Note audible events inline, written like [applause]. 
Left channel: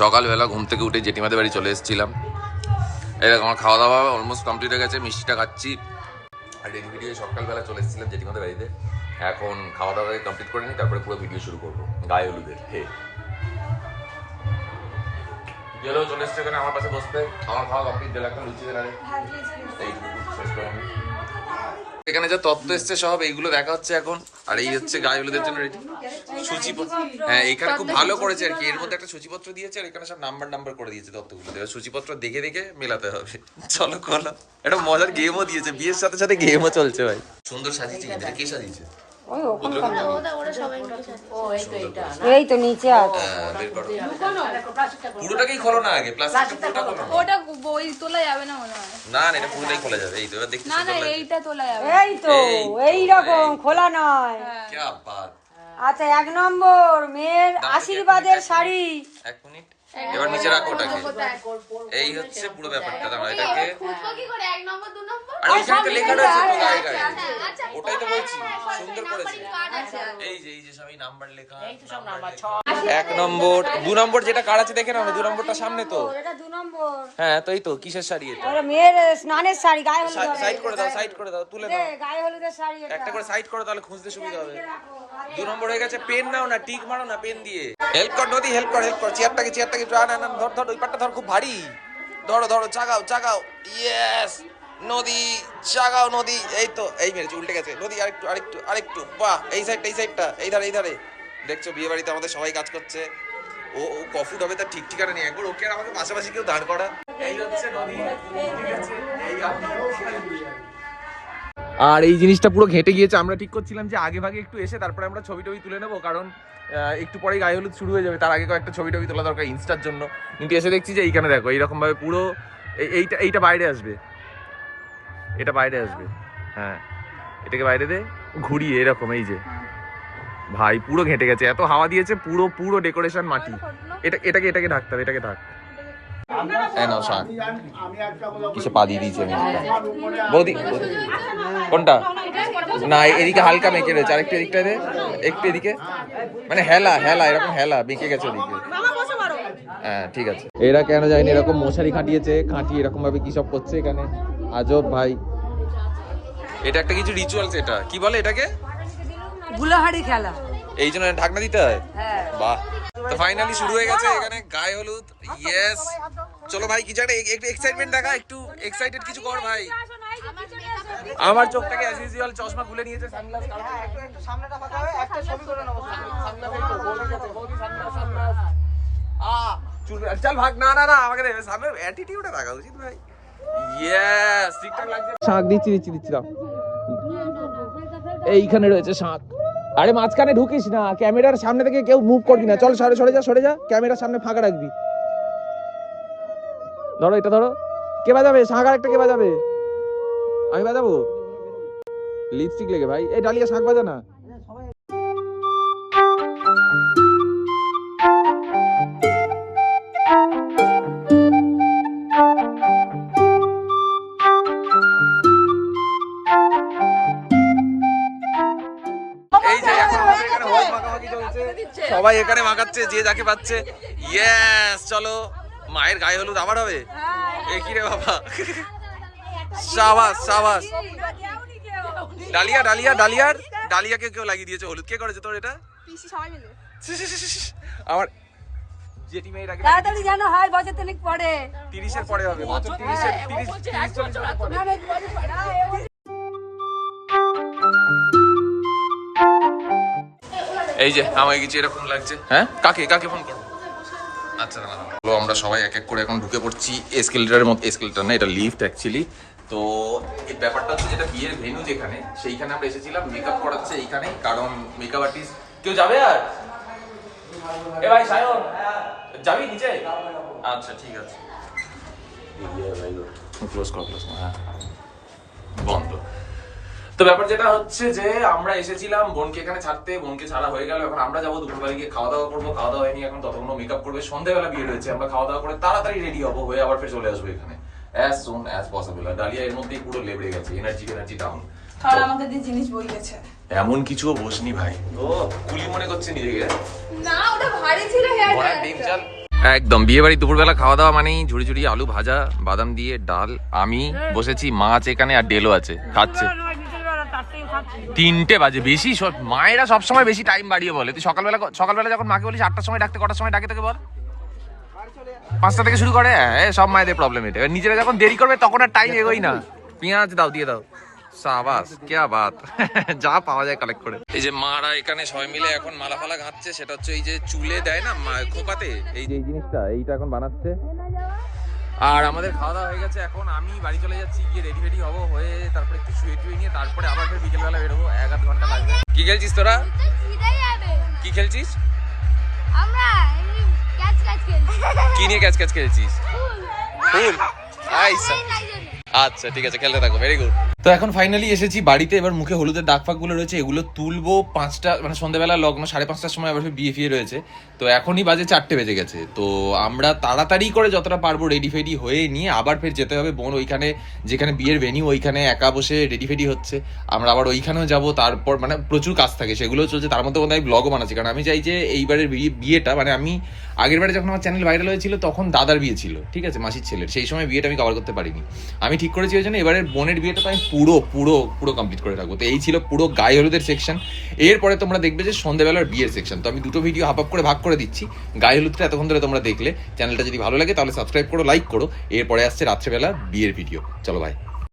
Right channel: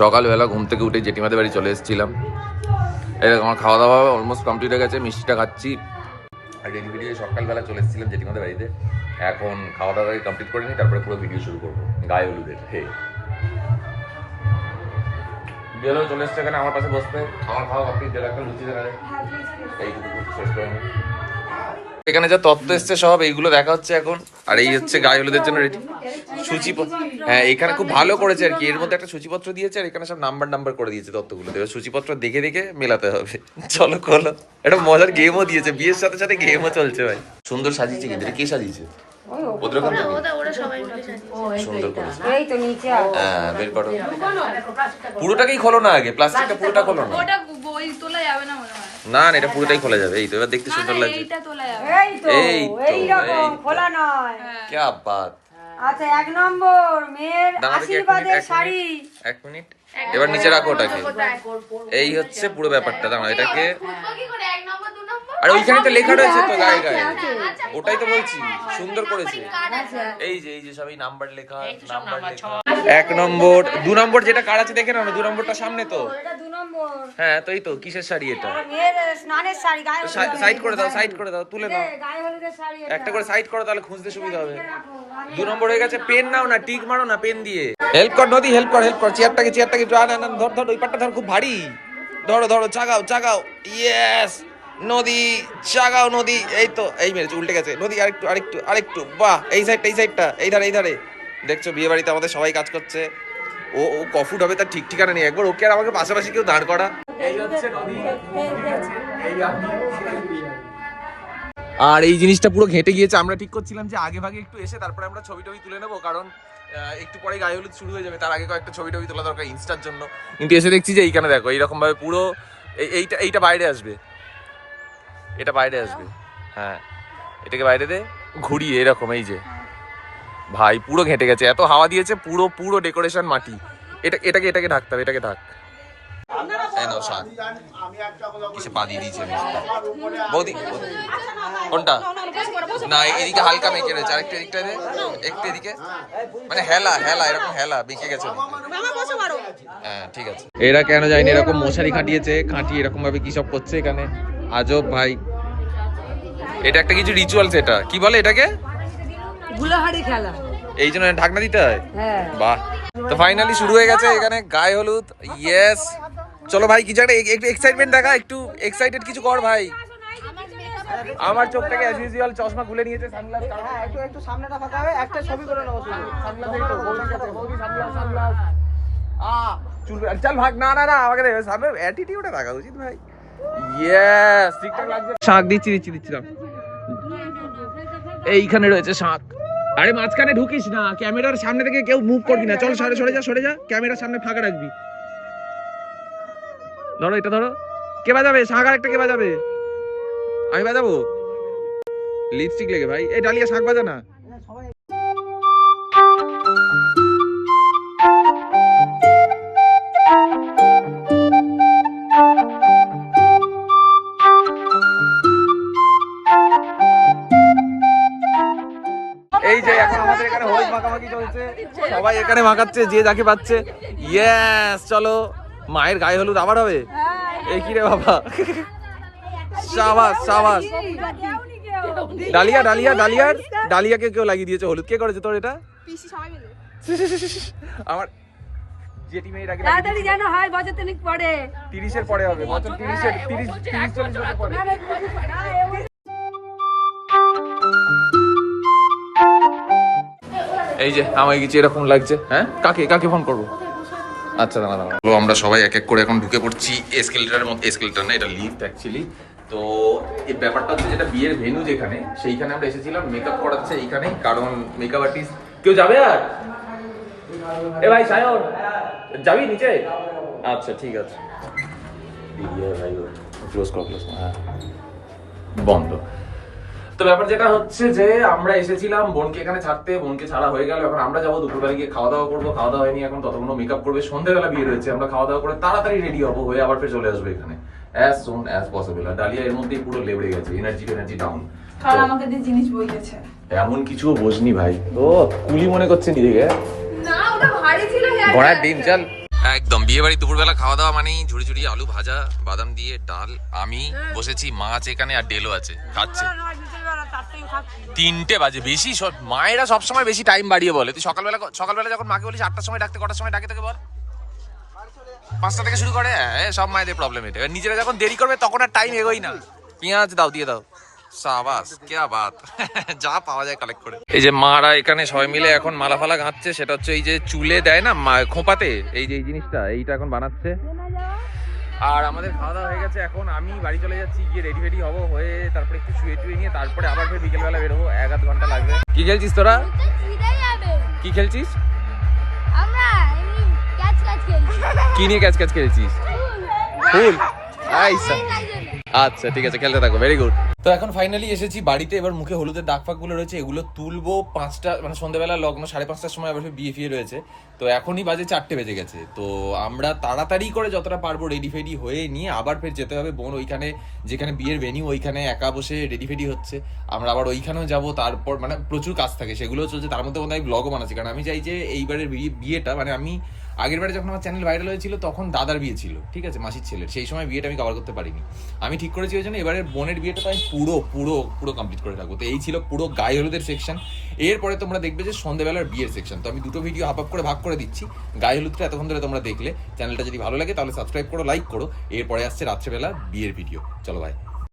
সকালবেলা ঘুম থেকে উঠে জেঠিমাদের বাড়ি চলে এসেছিলাম। এরকম আমার খাওয়া দাওয়া অলমোস্ট কমপ্লিট হয়ে গেছে মিষ্টিটা খাচ্ছি। আর রেডি ভিডিও সকালবেলা চলে এসেছিলাম জেঠিমাদের বাড়িতে। এখন খাওয়া দাওয়া কমপ্লিট করে নিই তারপরে পুরো ভিডিও শুরু করব গায়ে হলুদের হে। গেলেও চলে এসছে এখানে আমার পাশে বসতে। আমার খাওয়া কমপ্লিট দিলে একটা লুচি দেখালে। এইটুকু শেষ করে। এখানে যা তত্ত্ব এসছে সব এইগুলো দেখা হচ্ছে এখন। আর এই হচ্ছে গায়ে হলুদের জন্য রেডি সূচিপত্র হ্যাঁ এখানে খুব ভালো করেছে আর কি। এর মধ্যে একটা সূচিপত্র দিয়েছে আর এখানে সব নাম্বার নাম্বার করে দিয়েছে তত্ত্বগুলো এবার সূচিপত্র দেখে দেখে মেলাতে হবে। চলো খোলো। একটা মজার গেমও দিয়েছে। বিয়ের সাথে সাথে গেমও চলছে ভাই। সুন্দর সাজিয়েছে কিন্তু। এটা কে সাজিয়েছে? ওদের ওখান সুন্দর করেছে। এই তো নিচে হ্যাঁ বের করো। পুরোটাকেই খোলো না আগে। প্লাস্টিকটা পুরোটা খোলো না। ওটা বই তোলা যাবে না না না এটা পুরোটাই খোলা যাবে। এই তো এবার দেখতে সুন্দর লাগছে। এইটা তোলা যাবে। এই তো এই রকম খোলা নয়। কি বাত। আচ্ছা এক নম্বর মেয়ের আশীর্বাদের শাড়ি। এক মিনিট। এবার নিচে রাখো ওটাকে। এই হচ্ছে পুরো ব্যাপারটা দাঁড়াও এটাকে আর ওইখানে তো লেখা রয়েছে তো আচ্ছা, গায়ে গায়ে আচ্ছা, আচ্ছা, ওটাই তো বলছি সুন্দর করেছে। এই যে এই যে সবই নাম্বার লেখা এক নম্বর দু নম্বর যেটা কার আছে দেখে না দু নম্বরটা সামনে তো। হ্যাঁ তো এই তো কিসের শাড়ি এটা? মেয়ের স্নানের শাড়ি গায়ে সাইড করে দাও সাইড করে দাও তুলে নাও গায়ে হলুদের শাড়ি একটা করে সাইড করো তাহলে খুঁজতে সুবিধা হবে। দু নম্বর হয়ে গেছে পেন নাও না টিক মারো না পেন দিয়ে। হেল্প কর নদী হেল্প কর হেল্প কর চেয়ারটাকে চেয়ারটাকে আন, আন, ধর ধর ওই পাটটা ধর খুব ভারী। ধরো ধরো চাগাও চাগাও। ইয়েস নদী চাগাও নদী। এই তো এই মেরেছে উল্টে গেছে। নদী আরেকটু আরেকটু আরেকটু। বাহ এই সাইডটা এই সাইডটা এই ধারে এই ধারে। দেখছ বিয়ে বাড়িতে আমাদের সবাই কাজ করছে। ও ও কফুট হবে তার ঠিক ঠিকানা নেই। একবার ওকে আর আমাকে পাশাপাশি কেউ দাঁড় করা। এই হচ্ছে এই আর এই জিনিসটা পুরো ঘেটে গিয়েছে। আমরা ঠিক করছিলাম যে আগে ভাগে একটু এসে তারপরে আমরা ছবি টবি তুলে নেব কারণ একটু পরে গায়ে হলুদ শুরু হয়ে যাবে। তার আগে কয়েকটা ছবি টবি তোলা দরকার ইনস্টার জন্য। কিন্তু এসে দেখছি যে এইখানে দেখো এইরকম ভাবে পুরো এই- এইটা এইটা বাইরে আসবে। এটা বাইরে আসবে। হ্যাঁ এটাকে বাইরে দে। ঘুরিয়ে এরকম এই যে। ভাই, পুরো ঘেটে গেছে। এত হাওয়া দিয়েছে, পুরো পুরো ডেকোরেশন মাটি। এটা, এটাকে এটাকে ঢাকতে হবে, এটাকে ঢাক। নাও পা দিয়ে দিয়েছে। কোনটা? না হালকা রয়েছে। এদিকটা দে, একটু এদিকে। মানে এরকম গেছে ওদিকে। হ্যাঁ ঠিক আছে। এরা কেন যায়নি এরকম মশারি খাটিয়েছে খাটিয়ে এরকম ভাবে কি সব করছে এখানে? আজব ভাই। এটা একটা কিছু রিচুয়ালস এটা কি বলে এটাকে? গুলাহাড়ি খেলা। এই জন্য ঢাকনা দিতে হয়? হ্যাঁ। বাহ। তো ফাইনালি শুরু হয়ে গেছে এখানে গায়ে হলুদ। ইয়েস চলো ভাই কিছু একটা একটু এক্সাইটমেন্ট দেখা একটু এক্সাইটেড কিছু কর ভাই। আমার চোখটাকে অ্যাজ ইউজুয়াল চশমা খুলে নিয়েছে সানগ্লাস কারণ একটু একটু সামনেটা হবে একটা ছবি করে নাও সানগ্লাস এই তো বৌদির কাছে বৌদি সানগ্লাস সানগ্লাস আ চুল চল ভাগ না না না আমাকে দে সামনে অ্যাটিটিউডে রাখা উচিত ভাই। ইয়েস ঠিকঠাক লাগছে। শাক দিচ্ছি দিচ্ছি দিচ্ছি দাও। এইখানে রয়েছে শাক। আরে মাঝখানে ঢুকিস না, ক্যামেরার সামনে থেকে কেউ মুভ করবি না। চল, সরে সরে যা সরে যা, ক্যামেরার সামনে ফাঁকা রাখবি। ধরো এটা, ধরো। কে বাজাবে? শাঁখ আর একটা কে বাজাবে? আমি বাজাবো? লিপস্টিক লেগে, ভাই। এই ডালিয়া শাঁখ বাজা না। সবাই এখানে মাখাচ্ছে যে যাকে পাচ্ছে ইয়েস চলো মায়ের গায়ে হলুদ আবার হবে এ কি রে বাবা সাবাস সাবাস ডালিয়া ডালিয়া ডালিয়ার ডালিয়াকে কেউ লাগিয়ে দিয়েছে হলুদ কে করেছে তোর এটা আমার জেঠি মেয়ের আগে তাড়াতাড়ি যেন হয় বছর তিনেক পরে তিরিশের পরে হবে বছর পরে এই যে আমাকে কিছু এরকম লাগছে। হ্যাঁ? কাকে কাকে ফোন করব? আচ্ছা দাঁড়া দাঁড়া। হলো আমরা সবাই এক এক করে এখন ঢুকে পড়ছি এসকেলেটারের মতো এসকেলেটার না এটা লিফট অ্যাকচুয়ালি তো এই ব্যাপারটা হচ্ছে যেটা বিয়ের ভেন্যু যেখানে সেইখানে আমরা এসেছিলাম মেকআপ করাচ্ছে এইখানেই কারণ মেকআপ আর্টিস্ট কেউ যাবে আর? এ ভাই সায়ন যাবি নিচে? আচ্ছা ঠিক আছে। ক্লোজ কর ক্লোজ হ্যাঁ বন্ধ। তো ব্যাপার যেটা হচ্ছে যে আমরা এসেছিলাম বোনকে এখানে ছাড়তে বোনকে ছাড়া হয়ে গেল এখন আমরা যাব দুপুরবেলা গিয়ে খাওয়া দাওয়া করব খাওয়া দাওয়া হয়নি এখন ততক্ষণ মেকআপ করবে সন্ধ্যাবেলা বিয়ে রয়েছে আমরা খাওয়া দাওয়া করে তাড়াতাড়ি রেডি হব হয়ে আবার ফের চলে আসব এখানে অ্যাজ সুন অ্যাজ পসিবল আর ডালিয়া এর মধ্যেই পুরো লেবড়ে গেছে এনার্জি এনার্জি ডাউন কারণ আমাকে দিয়ে জিনিস বইতেছে এমন কিছুও বোঝনি ভাই। ও কুলি মনে করছে নিজেকে। না ওটা ভারী ছিল ঘোড়ার ডিম চল। একদম বিয়ে বাড়ি দুপুরবেলা খাওয়া দাওয়া মানেই ঝুড়ি ঝুড়ি আলু ভাজা বাদাম দিয়ে ডাল আমি বসেছি মাছ এখানে আর ডেলো আছে খাচ্ছে। তিনটে বাজে, বেশি সব- মায়েরা সবসময় বেশি টাইম বাড়িয়ে বলে। তুই সকালবেলা সকালবেলা যখন মাকে বলিস আটটার সময় ডাকতে, কটার সময় ডাকে তোকে বল? পাঁচটা থেকে শুরু করে হ্যাঁ সব মায়েদের প্রবলেম এটা। নিজেরা যখন দেরি করবে, তখন আর টাইম এগোই না। পেঁয়াজ দাও, দিয়ে দাও। সাবাস, কেয়া বাত। [laughs] যা পাওয়া যায় কালেক্ট করে। এই যে মারা এখানে সবাই মিলে এখন মালা ফালা গাঁথছে সেটা হচ্ছে এই যে চুলে দেয় না খোঁপাতে, এই যে এই জিনিসটা, এইটা এখন বানাচ্ছে। আর আমাদের খাওয়া দাওয়া হয়ে গেছে এখন। আমি বাড়ি চলে যাচ্ছি গিয়ে রেডি ফেডি হব হয়ে তারপরে একটু শুয়ে টুয়ে নিয়ে তারপরে আবার ফের বিকেলবেলা বেরোবো এক আধ ঘণ্টা লাগবে। কি খেলছিস তোরা? কি খেলছিস? আমরা এমনি ক্যাচ ক্যাচ খেলছি। কি নিয়ে ক্যাচ ক্যাচ খেলছিস? ফুল। আচ্ছা ঠিক আছে খেলতে থাকো। ভেরি গুড তো এখন ফাইনালি এসেছি বাড়িতে, এবার মুখে হলুদের দাগ ফাগগুলো রয়েছে, এগুলো তুলবো পাঁচটা মানে সন্ধ্যাবেলা লগ্ন সাড়ে পাঁচটার সময় আবার বিয়ে ফিয়ে রয়েছে। তো এখনই বাজে চারটে বেজে গেছে। তো আমরা তাড়াতাড়ি করে যতটা পারব রেডি ফেডি হয়ে নিয়ে আবার ফের যেতে হবে বোন ওইখানে, যেখানে বিয়ের ভেনিউ ওইখানে একা বসে রেডি ফেডি হচ্ছে। আমরা আবার ওইখানেও যাব, তারপর মানে প্রচুর কাজ থাকে, সেগুলো চলছে, তার মধ্যে মধ্যে আমি ব্লগও বানাচ্ছি। কারণ আমি চাই যে এইবারের বিয়ে- বিয়েটা মানে আমি আগের বারে যখন আমার চ্যানেল ভাইরাল হয়েছিল, তখন দাদার বিয়ে ছিল, ঠিক আছে? মাসির ছেলের। সেই সময় বিয়েটা আমি কভার করতে পারিনি। আমি ঠিক করেছি ওই জন্য এবারের বোনের বিয়েটা তো আমি পুরো পুরো পুরো কমপ্লিট করে রাখব। তো এই ছিল পুরো গায়ে হলুদের সেকশন এরপরে তোমরা দেখবে যে সন্ধ্যেবেলার বিয়ের সেকশন তো আমি দুটো ভিডিও হাফ আপ করে ভাগ করে দিচ্ছি। গায়ে হলুদটা এতক্ষণ ধরে তোমরা দেখলে। চ্যানেলটা যদি ভালো লাগে তাহলে সাবস্ক্রাইব করো লাইক করো। এরপরে আসছে রাত্রেবেলা বিয়ের ভিডিও চলো ভাই